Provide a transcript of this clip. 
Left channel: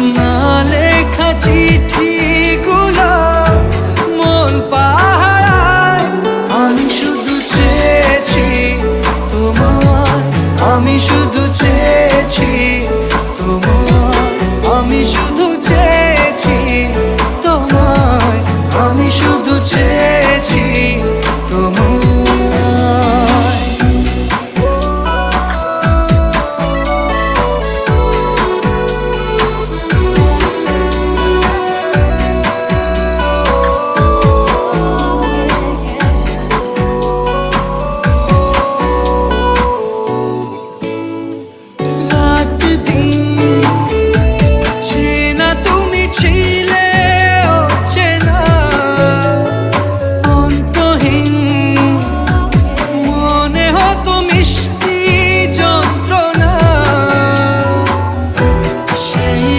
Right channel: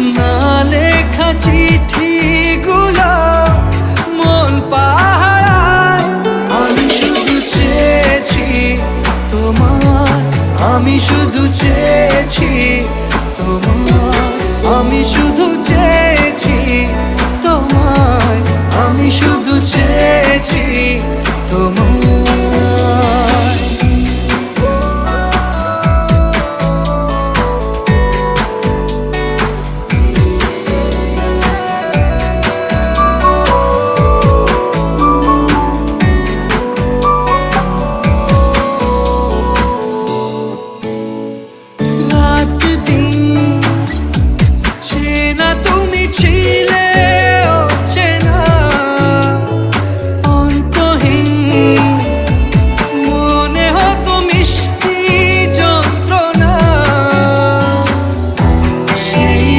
না লেখা চিঠিগুলো মন পাহারায়। আমি শুধু চেয়েছি তোমায়, আমি শুধু চেয়েছি তোমায়, আমি শুধু চেয়েছি তোমায়, আমি শুধু চেয়েছি তোমায়। রাত দিন চেনা তুমি ছিলে